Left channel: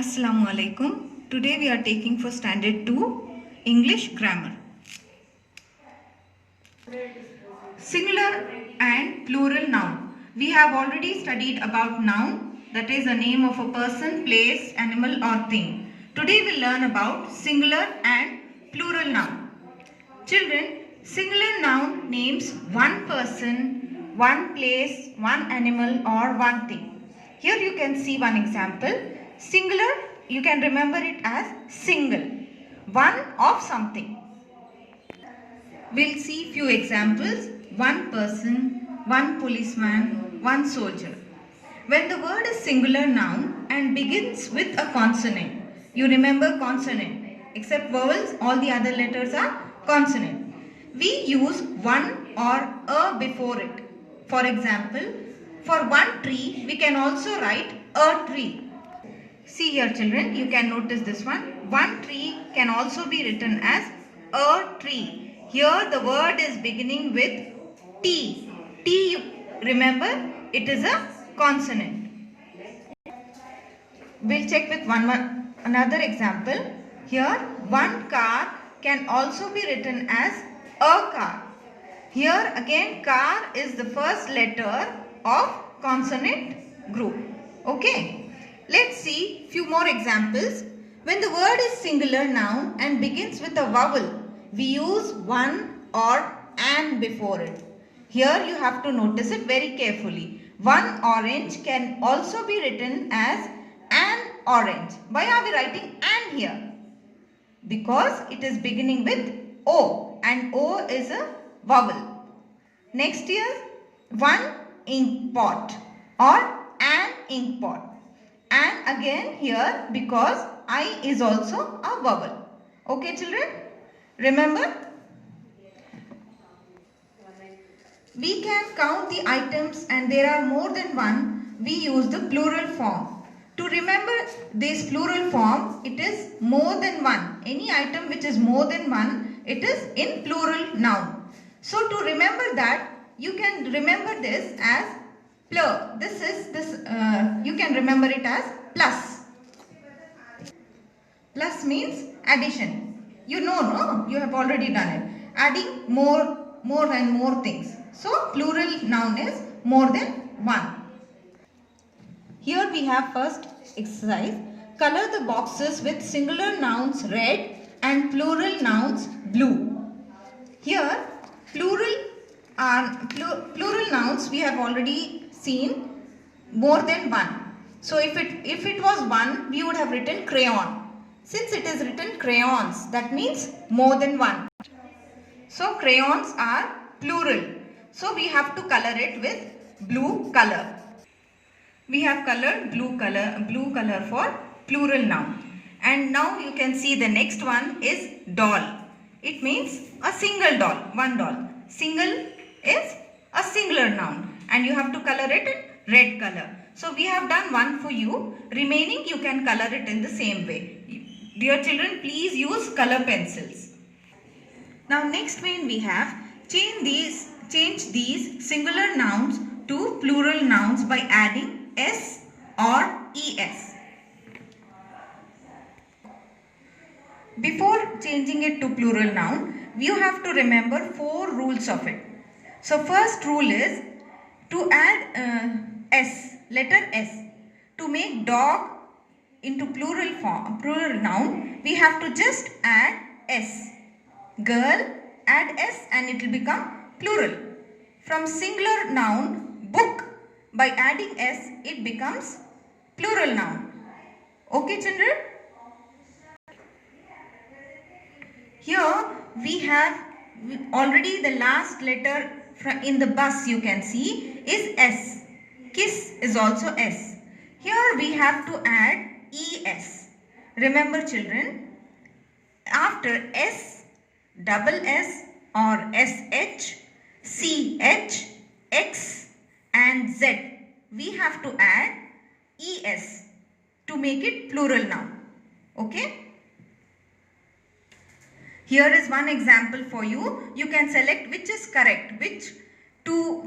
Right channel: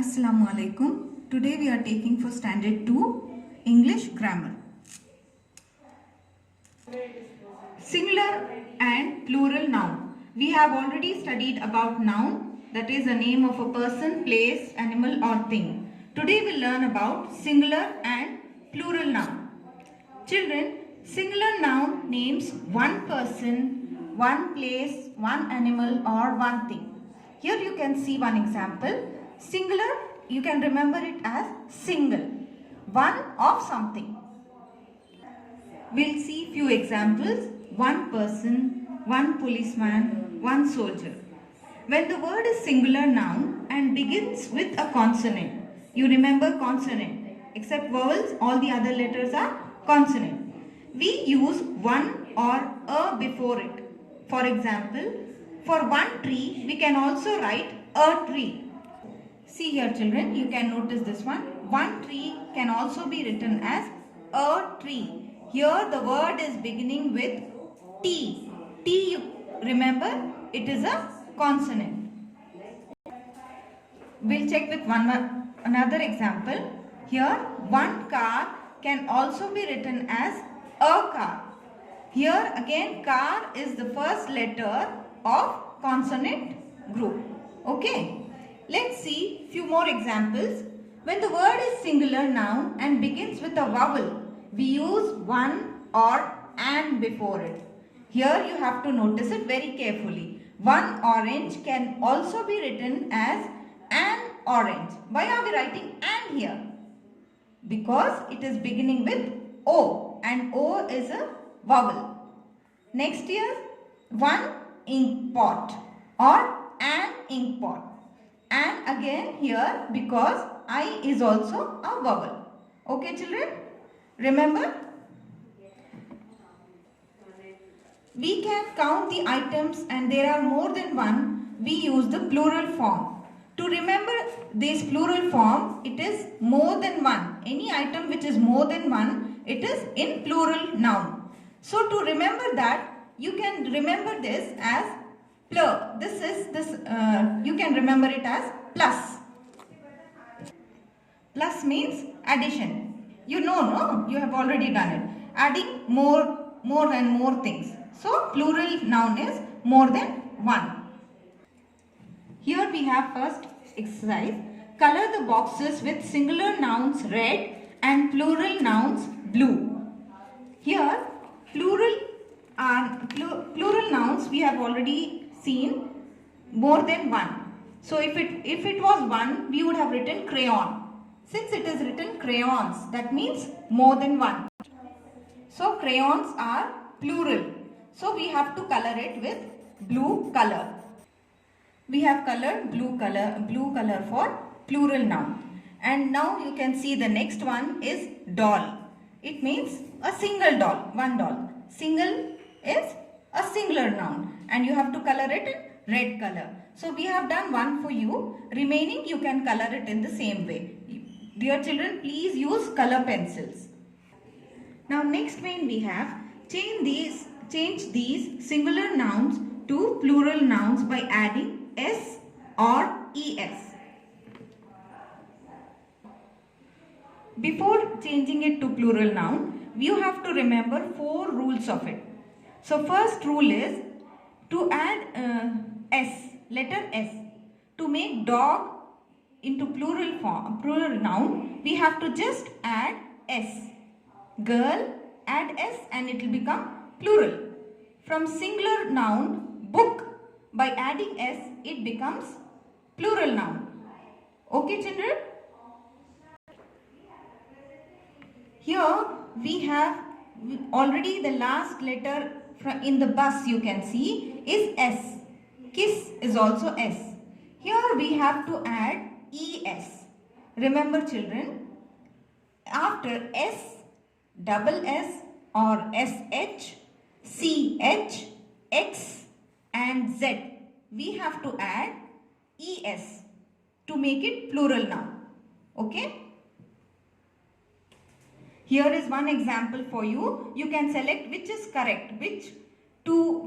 Assalamu alaikum. Today we are taking for standard 2 English grammar. Singular and plural noun. We have already studied about noun, that is a name of a person, place, animal or thing. Today we will learn about singular and plural noun. Children, singular noun names one person, one place, one animal or one thing. Here you can see one example. Singular, you can remember it as single, one of something. We'll see few examples. One person, one policeman, one soldier. When the word is singular noun and begins with a consonant, you remember consonant. Except vowels, all the other letters are consonant. We use one or a before it. For example, for one tree, we can also write a tree. See here children, you can notice this one. One tree can also be written as a tree. Here the word is beginning with T. T, remember, it is a consonant. We'll check with another example. Here one car can also be written as a car. Here again car is the first letter of consonant group. Okay. Let's see few more examples. When the word is singular noun and begins with a vowel, we use one or an before it. Here you have to notice it very carefully. One orange can also be written as an orange. Why are we writing an here? Because it is beginning with O and O is a vowel. Next here, one ink pot or an ink pot. And again here because I is also a vowel. Okay children? Remember? We can count the items and there are more than one. We use the plural form. To remember this plural form, it is more than one. Any item which is more than one, it is in plural noun. So to remember that, you can remember this as plur. You can remember it as plus. Plus means addition. You know, no? You have already done it. Adding more and more things. So plural noun is more than one. Here we have first exercise. Color the boxes with singular nouns red and plural nouns blue. Here plural nouns we have already seen more than one. So if it was one, we would have written crayon. Since it is written crayons, that means more than one. So crayons are plural. So we have to color it with blue color. We have colored blue color for plural noun. And now you can see the next one is doll. It means a single doll, one doll. Single is a singular noun and you have to color it in red color. So we have done one for you. Remaining you can color it in the same way. Dear children, please use color pencils. Now next one we have change these singular nouns to plural nouns by adding S or ES. Before changing it to plural noun, you have to remember 4 rules of it. So first rule is to add S, letter S. To make dog into plural noun, we have to just add S. Girl, add S and it will become plural. From singular noun, book, by adding S, it becomes plural noun. Okay children? Here we have already the last letter in the bus you can see is S. Kiss is also S. Here we have to add ES. Remember children, after S, double S or SH, CH, X and Z, we have to add ES to make it plural noun. Okay? Here is one example for you. You can select which is correct.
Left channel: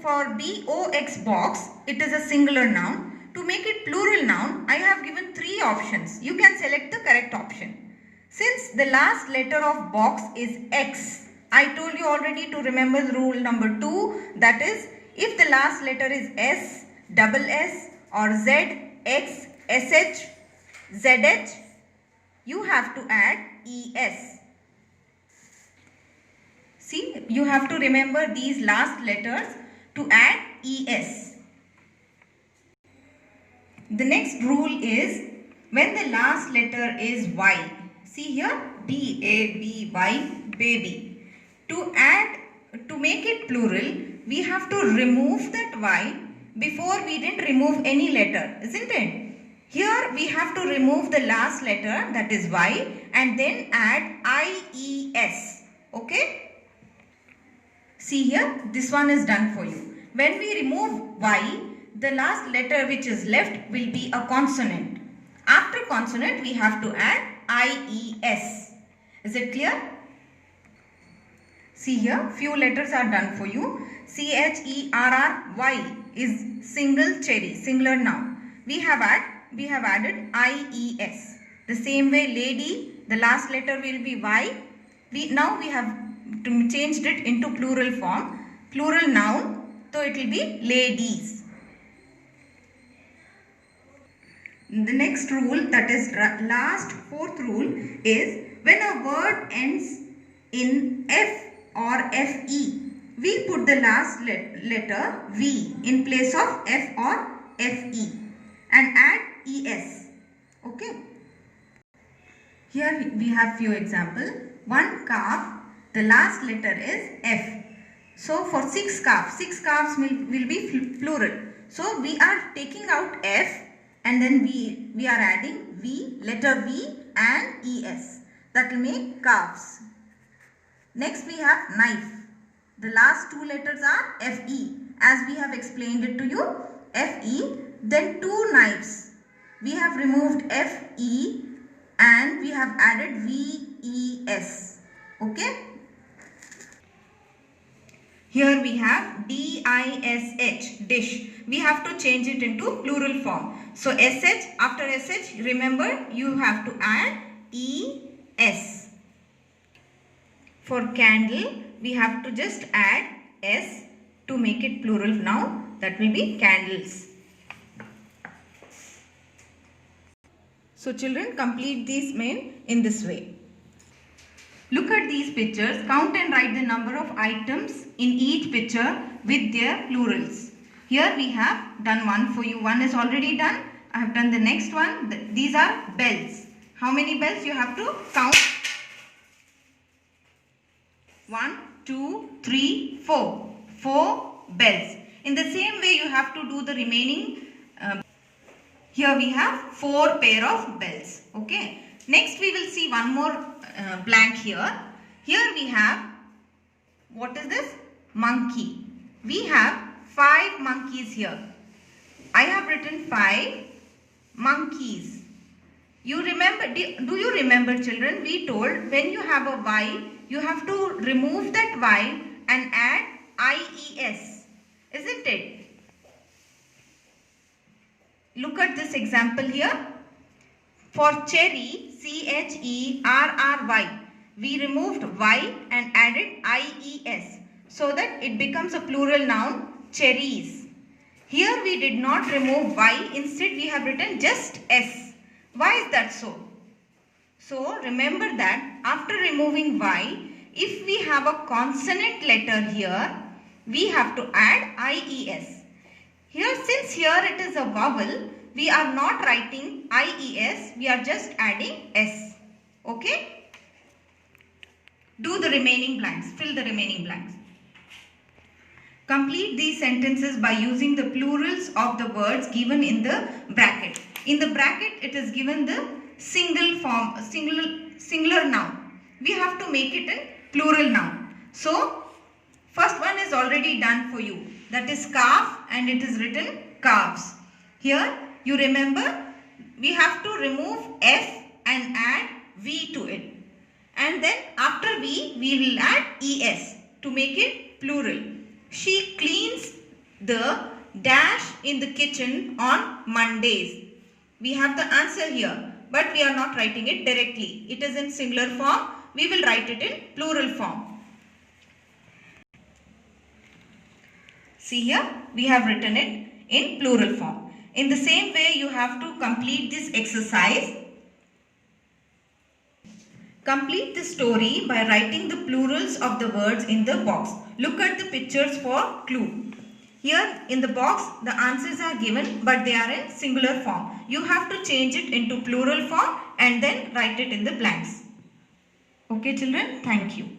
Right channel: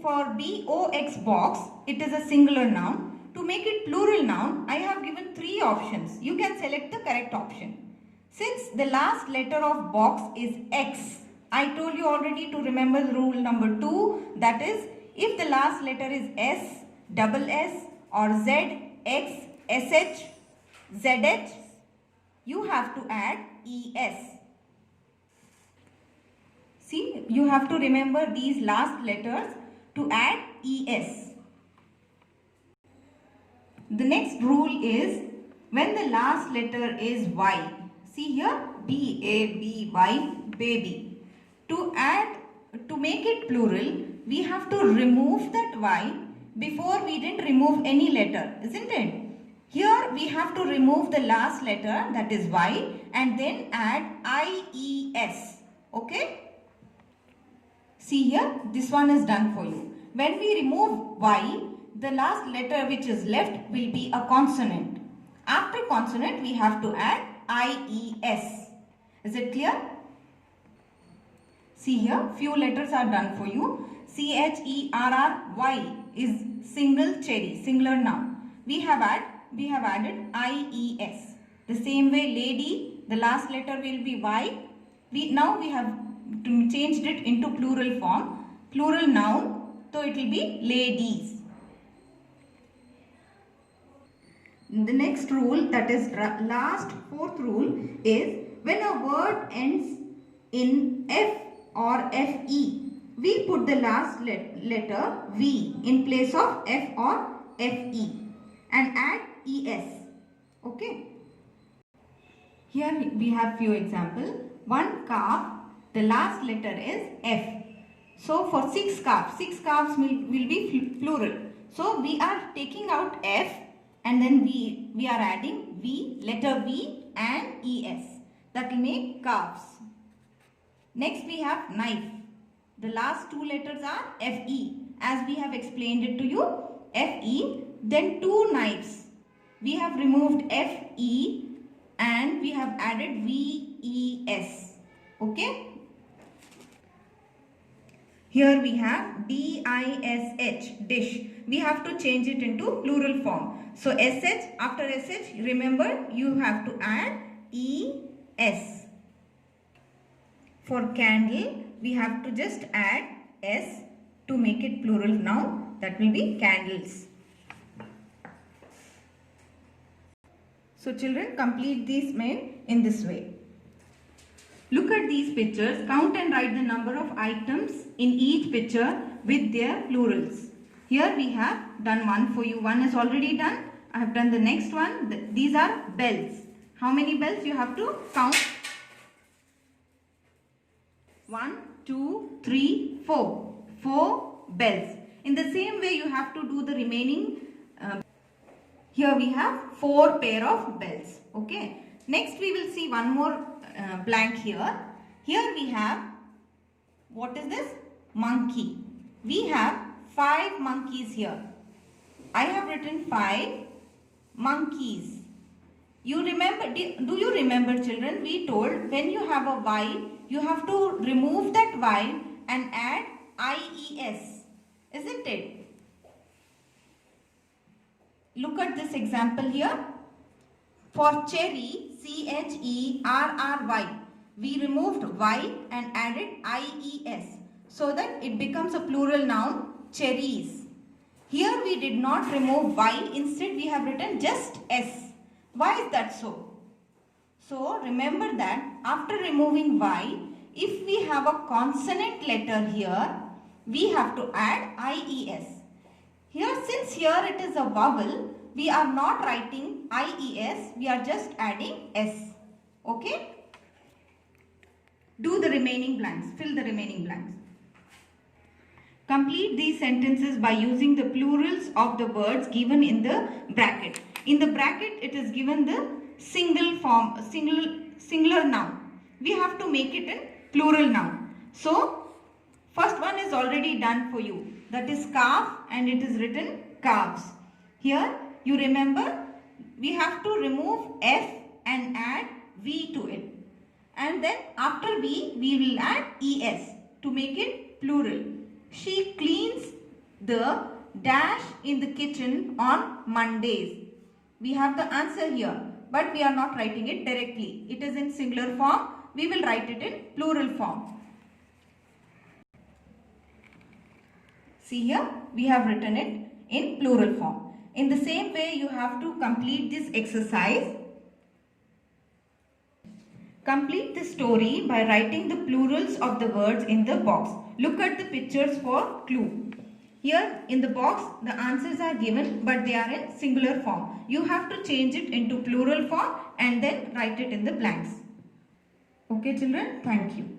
For BOX box, it is a singular noun. To make it plural noun, I have given 3 options. You can select the correct option. Since the last letter of box is X, I told you already to remember the rule number 2. That is, if the last letter is S, double S or Z, X, SH, ZH, you have to add ES. See, you have to remember these last letters to add ES. The next rule is when the last letter is Y. See here, B-A-B-Y, baby. To make it plural, we have to remove that Y. Before we didn't remove any letter, isn't it? Here we have to remove the last letter, that is Y, and then add I-E-S. Okay? See here, this one is done for you. When we remove Y, the last letter which is left will be a consonant. After consonant, we have to add I-E-S. Is it clear? See here, few letters are done for you. C-H-E-R-R-Y is single cherry, singular noun. We have added I-E-S. The same way, lady, the last letter will be Y. Now we have changed it into plural form, plural noun, so it will be ladies. The next rule, that is last 4th rule, is when a word ends in F or FE, we put the last letter V in place of F or FE and add ES. Okay. Here we have few examples. One calf, the last letter is F. So for 6 calves will be plural. So we are taking out F and then we are adding V, letter V and ES. That will make calves. Next we have knife. The last 2 letters are FE. As we have explained it to you, FE. Then 2 knives. We have removed FE and we have added VES. Okay. Here we have DISH, dish. We have to change it into plural form. So SH, after SH, remember you have to add ES. For candle, we have to just add S to make it plural now. That will be candles. So children, complete these main in this way. Look at these pictures, count and write the number of items in each picture with their plurals. Here we have done one for you. One is already done. I have done the next one. These are bells. How many bells you have to count? 1, 2, 3, 4. 4 bells. In the same way you have to do the remaining. Here we have 4 pair of bells. Okay. Next we will see one more blank here. Here we have, what is this? Monkey. We have 5 monkeys here. I have written 5 monkeys. You remember, do you remember children, we told when you have a Y, you have to remove that Y and add IES. Isn't it? Look at this example here. For cherry, CHERRY, we removed Y and added IES so that it becomes a plural noun, cherries. Here we did not remove Y, instead we have written just S. Why is that so? So remember that after removing Y, if we have a consonant letter here, we have to add IES. Here, since here it is a vowel, we are not writing IES, we are just adding S. Okay? Do the remaining blanks, fill the remaining blanks. Complete these sentences by using the plurals of the words given in the bracket. In the bracket, it is given the singular noun. We have to make it a plural noun. So, first one is already done for you. That is calf and it is written calves. Here, you remember, we have to remove F and add V to it. And then after V, we will add ES to make it plural. She cleans the dash in the kitchen on Mondays. We have the answer here, but we are not writing it directly. It is in singular form. We will write it in plural form. See here, we have written it in plural form. In the same way, you have to complete this exercise. Complete the story by writing the plurals of the words in the box. Look at the pictures for clue. Here in the box, the answers are given, but they are in singular form. You have to change it into plural form and then write it in the blanks. Okay children, thank you.